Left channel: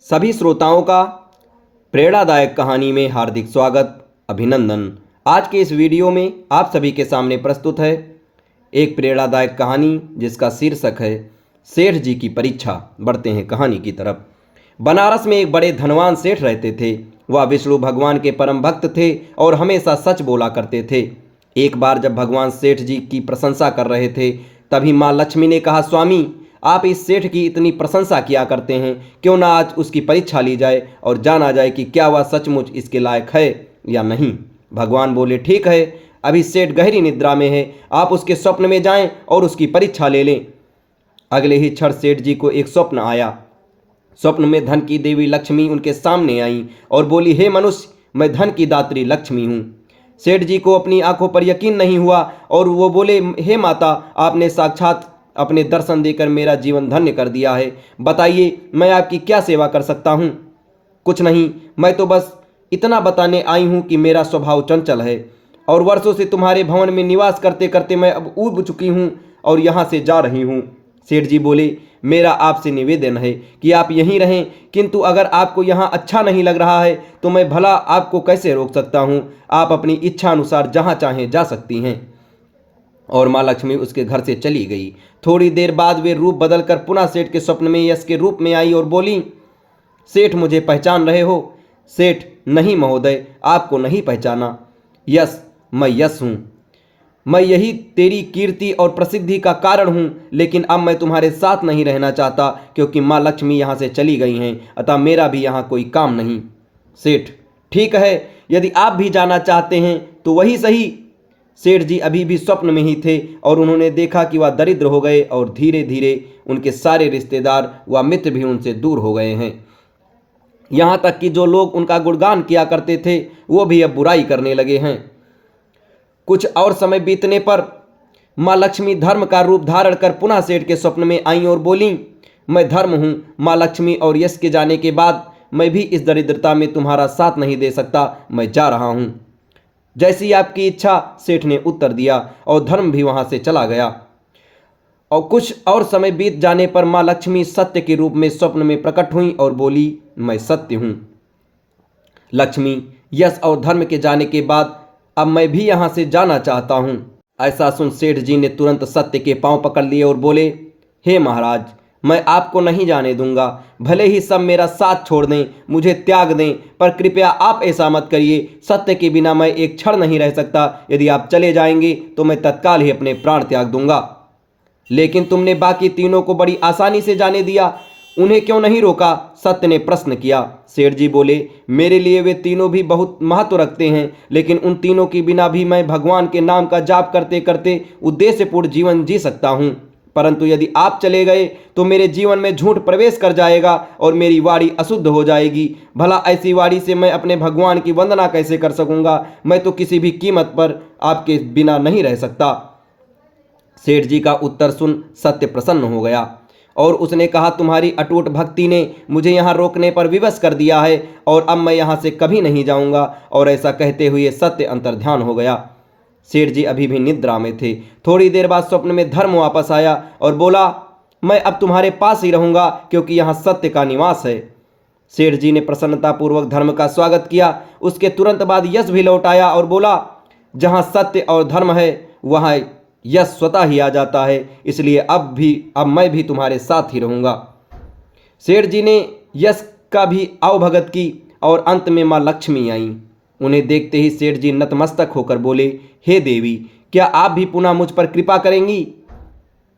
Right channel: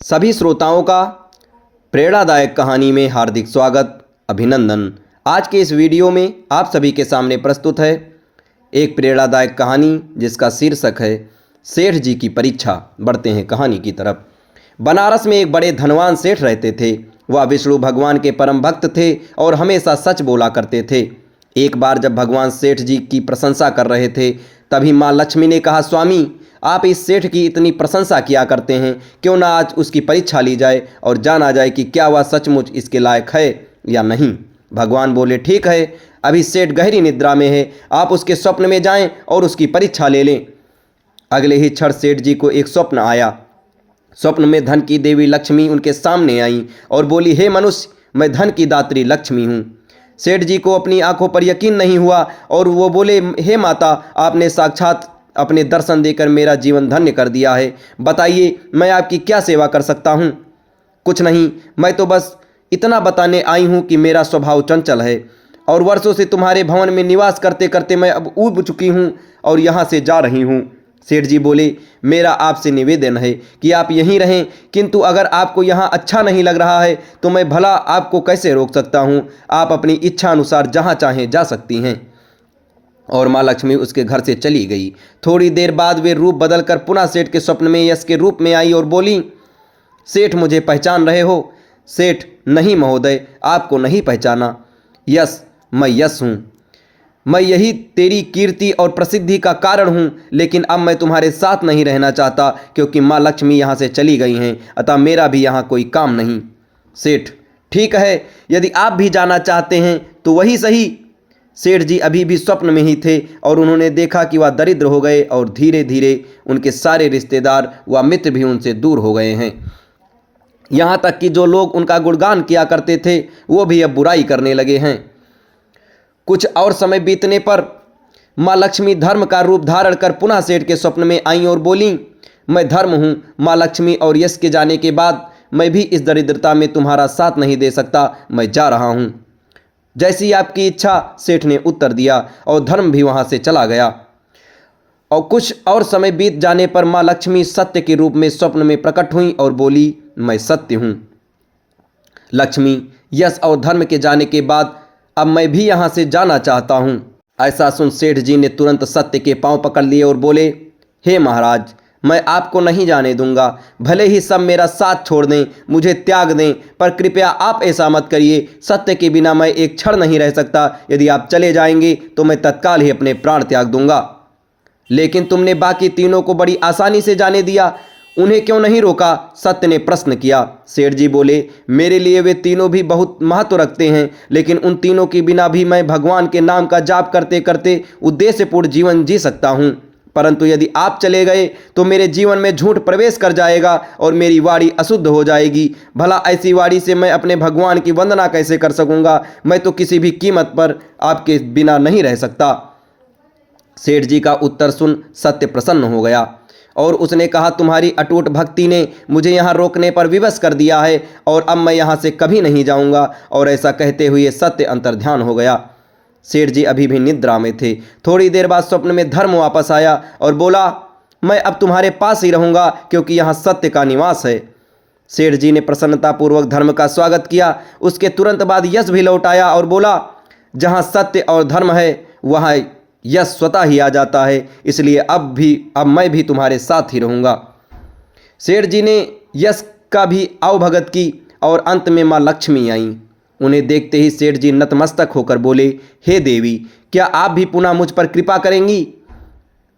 सभी श्रोताओं का प्रेरणादायक कहानी में हार्दिक स्वागत, अभिनंदन। आज के इस वीडियो में आप सभी के सामने प्रस्तुत है एक प्रेरणादायक कहानी जिसका शीर्षक है सेठ जी की परीक्षा। बढ़ते हैं कहानी की तरफ। बनारस में एक बड़े धनवान सेठ रहते थे। वह विष्णु भगवान के परम भक्त थे और हमेशा सच बोला करते थे। एक बार जब भगवान सेठ जी की प्रशंसा कर रहे थे, तभी माँ लक्ष्मी ने कहा, स्वामी, आप इस सेठ की इतनी प्रशंसा किया करते हैं, क्यों ना आज उसकी परीक्षा ली जाए और जाना जाए कि क्या वह सचमुच इसके लायक है या नहीं। भगवान बोले, ठीक है, अभी सेठ गहरी निद्रा में है, आप उसके स्वप्न में जाएं और उसकी परीक्षा ले लें। अगले ही क्षण सेठ जी को एक स्वप्न आया। स्वप्न में धन की देवी लक्ष्मी उनके सामने आई और बोली, हे मनुष्य, मैं धन की दात्री लक्ष्मी हूँ। सेठ जी को अपनी आंखों पर यकीन नहीं हुआ और वो बोले, हे माता, आपने साक्षात अपने दर्शन देकर मेरा जीवन धन्य कर दिया है। बताइए, मैं आपकी क्या सेवा कर सकता हूँ। कुछ नहीं, मैं तो बस इतना बताने आई हूँ कि मेरा स्वभाव चंचल है और वर्षों से तुम्हारे भवन में निवास करते करते मैं अब ऊब चुकी हूँ और यहाँ से जा रही हूँ। सेठ जी बोले, मेरा आपसे निवेदन है कि आप यहीं रहें, किंतु अगर आपको यहाँ अच्छा नहीं लग रहा है तो मैं भला आपको कैसे रोक सकता हूँ। आप अपनी इच्छा अनुसार जहाँ चाहें जा सकती हैं। और माँ लक्ष्मी उसके घर से चली गई। थोड़ी देर बाद वे रूप बदलकर पुनः सेठ के स्वप्न में यश के रूप में आई और बोली, सेठ, मुझे पहचान रहे हो। सेठ, नहीं महोदय, आपको नहीं पहचाना। यश, मैं यश हूँ। मैं यही तेरी कीर्ति और प्रसिद्धि का कारण हूँ, लेकिन अब मैं तुम्हारे साथ नहीं रहना चाहता क्योंकि माँ लक्ष्मी यहाँ से चली गई हैं, अतः मेरा भी यहाँ कोई काम नहीं। सेठ, ठीक है, यदि आप भी जाना चाहते हैं तो वही सही। सेठ जी अभी भी स्वप्न में ही थे और उन्होंने देखा कि वह दरिद्र हो गए और धीरे धीरे उनके सारे रिश्तेदार व मित्र भी उनसे दूर हो गए हैं। यहाँ तक कि जो लोग उनका गुणगान किया करते थे वो भी अब बुराई करने लगे हैं। कुछ और समय बीतने पर माँ लक्ष्मी धर्म का रूप धारण कर पुनः सेठ के स्वप्न में आई और बोली, मैं धर्म हूँ माँ लक्ष्मी, और यश के जाने के बाद मैं भी इस दरिद्रता में तुम्हारा साथ नहीं दे सकता, मैं जा रहा हूँ। जैसी आपकी इच्छा, सेठ ने उत्तर दिया और धर्म भी वहाँ से चला गया। और कुछ और समय बीत जाने पर माँ लक्ष्मी सत्य के रूप में स्वप्न में प्रकट हुई और बोली, मैं सत्य हूँ। लक्ष्मी, यश और धर्म के जाने के बाद अब मैं भी यहाँ से जाना चाहता हूँ। ऐसा सुन सेठ जी ने तुरंत सत्य के पांव पकड़ लिए और बोले, हे महाराज, मैं आपको नहीं जाने दूंगा। भले ही सब मेरा साथ छोड़ दें, मुझे त्याग दें, पर कृपया आप ऐसा मत करिए। सत्य के बिना मैं एक क्षण नहीं रह सकता। यदि आप चले जाएंगे तो मैं तत्काल ही अपने प्राण त्याग दूंगा। लेकिन तुमने बाकी तीनों को बड़ी आसानी से जाने दिया, उन्हें क्यों नहीं रोका? सत्य ने प्रश्न किया। सेठ जी बोले, मेरे लिए वे तीनों भी बहुत महत्व रखते हैं, लेकिन उन तीनों के बिना भी मैं भगवान के नाम का जाप करते करते उद्देश्यपूर्ण जीवन जी सकता हूँ। परंतु यदि आप चले गए तो मेरे जीवन में झूठ प्रवेश कर जाएगा और मेरी वाणी अशुद्ध हो जाएगी। भला ऐसी वाणी से मैं अपने भगवान की वंदना कैसे कर सकूंगा? मैं तो किसी भी कीमत पर आपके बिना नहीं रह सकता। सेठ जी का उत्तर सुन सत्य प्रसन्न हो गया और उसने कहा, तुम्हारी अटूट भक्ति ने मुझे यहाँ रोकने पर विवश कर दिया है और अब मैं यहाँ से कभी नहीं जाऊँगा। और ऐसा कहते हुए सत्य अंतर्ध्यान हो गया। सेठ जी अभी भी निद्रा में थे। थोड़ी देर बाद स्वप्न में धर्म वापस आया और बोला, मैं अब तुम्हारे पास ही रहूँगा क्योंकि यहाँ सत्य का निवास है। सेठ जी ने प्रसन्नतापूर्वक धर्म का स्वागत किया। उसके तुरंत बाद यश भी लौट आया और बोला, जहाँ सत्य और धर्म है वहाँ यश स्वतः ही आ जाता है, इसलिए अब मैं भी तुम्हारे साथ ही रहूँगा। सेठ जी ने यश का भी आवभगत की और अंत में माँ लक्ष्मी आई। उन्हें देखते ही सेठ जी नतमस्तक होकर बोले, हे देवी, क्या आप भी पुनः मुझ पर कृपा करेंगी?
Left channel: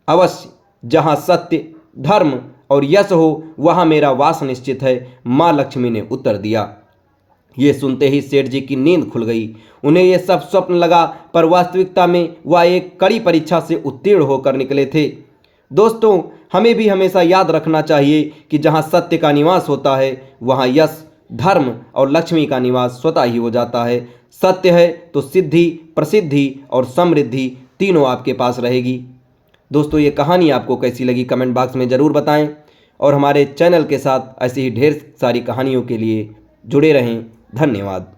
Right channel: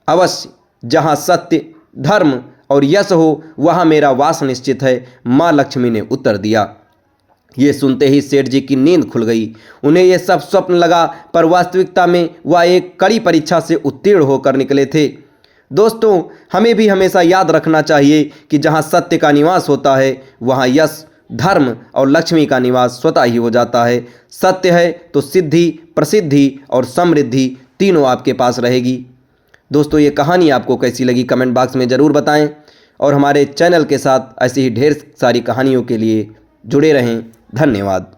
अवश्य, जहाँ सत्य, धर्म और यश हो वहाँ मेरा वास निश्चित है, माँ लक्ष्मी ने उत्तर दिया। ये सुनते ही सेठ जी की नींद खुल गई। उन्हें यह सब स्वप्न लगा, पर वास्तविकता में वह एक कड़ी परीक्षा से उत्तीर्ण होकर निकले थे। दोस्तों, हमें भी हमेशा याद रखना चाहिए कि जहाँ सत्य का निवास होता है वहाँ यश, धर्म और लक्ष्मी का निवास स्वतः ही हो जाता है। सत्य है तो सिद्धि, प्रसिद्धि और समृद्धि तीनों आपके पास रहेगी। दोस्तों, ये कहानी आपको कैसी लगी कमेंट बॉक्स में ज़रूर बताएं और हमारे चैनल के साथ ऐसी ही ढेर सारी कहानियों के लिए जुड़े रहें। धन्यवाद।